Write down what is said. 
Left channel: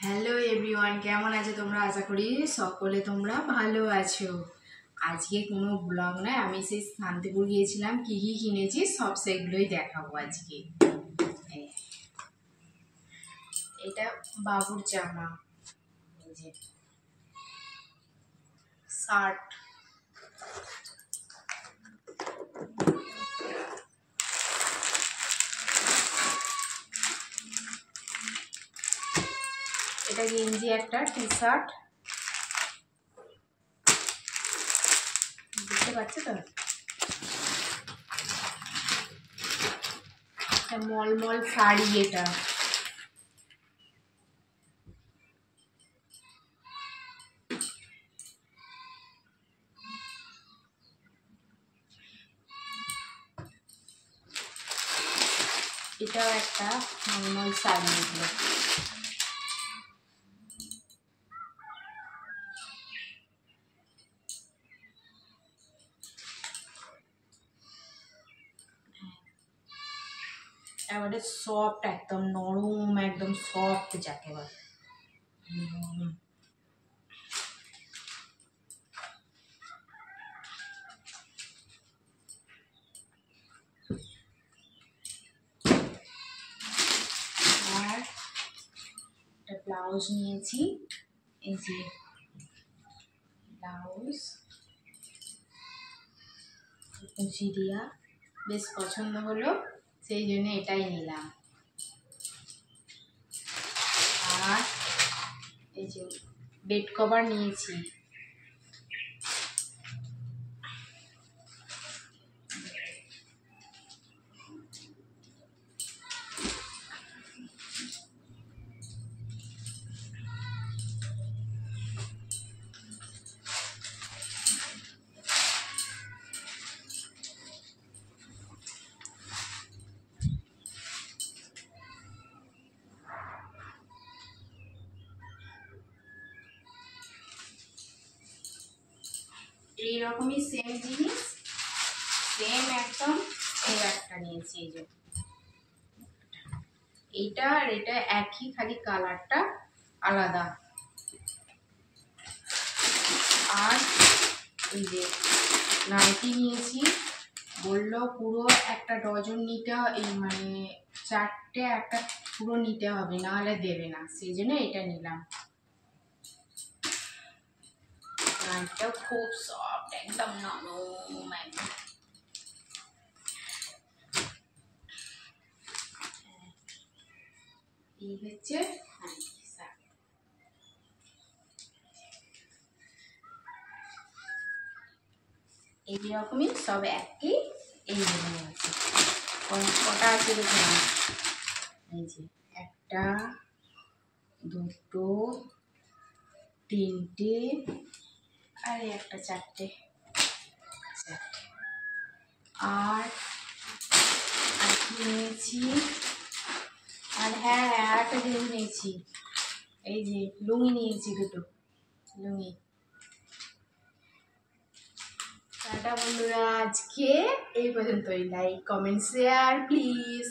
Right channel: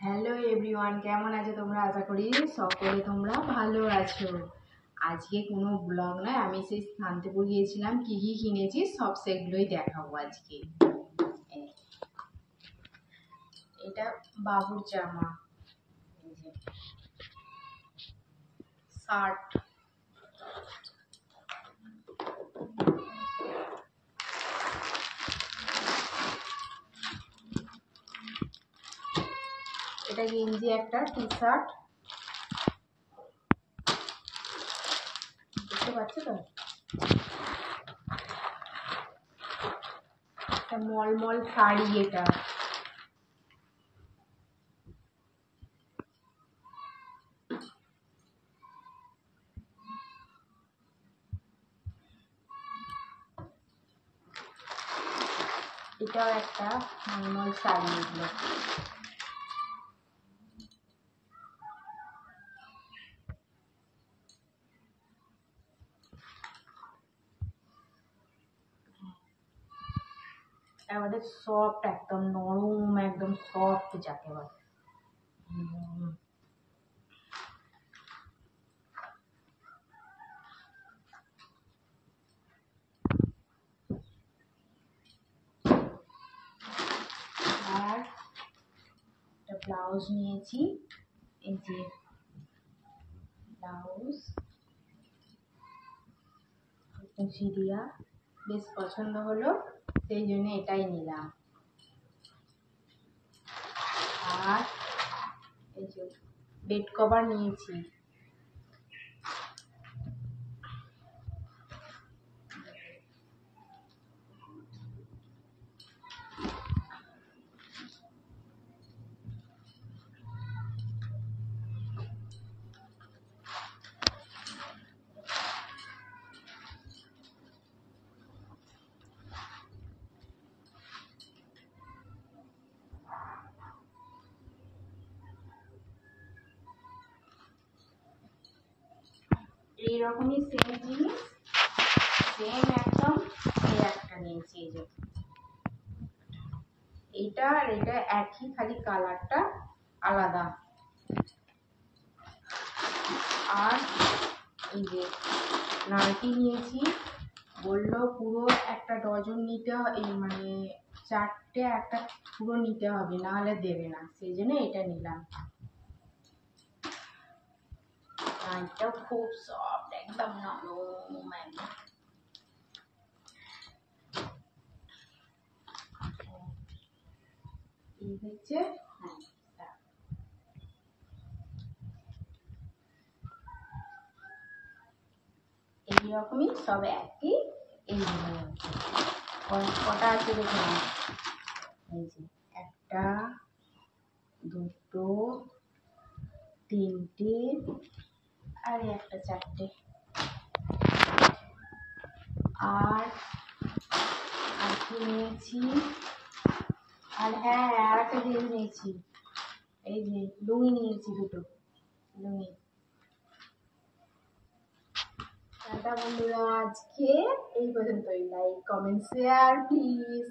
Hello everyone, কেমন আছো তোমরা? আশা করি সকলে তোমরা ভালো আছো। আজকে কোনো ব্লগ নয়, আমি সেই শান্তিপুর গিয়েছিলাম, কি কি কিনেছি সব সেগুলোই দেখাবো আজকে। এটা বাবুর জামা, এই যে শার্ট, এটা গেঞ্জি, একটা টি শার্ট, বুঝতে পারছো তো? মলমল শাড়ি, এটা এটাও একটা মলমল শাড়ি। এগুলো এবারে সফট, একদম নরম, একদম সফট যাকে বলে। আর একটা ব্লাউজ নিয়েছি, এই যে ব্লাউজ কুচি দিয়া, বেশ পছন্দ হলো, সেই জন্য এটাই নিলাম। আর এই যে বেড কভার নিয়েছি, এইরকমই সেম জিনিস, সেম একদম এই একটা নিয়েছি। এই যে এইটা আর এটা একই, খালি কালারটা আলাদা। আর এই যে নাইটি নিয়েছি, বললো পুরো একটা ডজন নিতে, এই মানে চারটে একটা পুরো নিতে হবে, না হলে দেবে না, সেই জন্য এটা নিলাম। নাইটটাও খুব সফট, একদম নরম, একদম। এই হচ্ছে এইরকমই সব একই। এই আছে কটা আছে দেখুন, এই যে একটা, দুটো, তিনটে, আর একটা চারটে। আর কি নিয়েছি, আর হ্যাঁ আর একটা জিনিস নিয়েছি, এই যে লুঙ্গি নিয়েছি, দুটো লুঙ্গি। টাটা বন্ধুরা, আজকে এই পর্যন্তই। Like, comment, share please.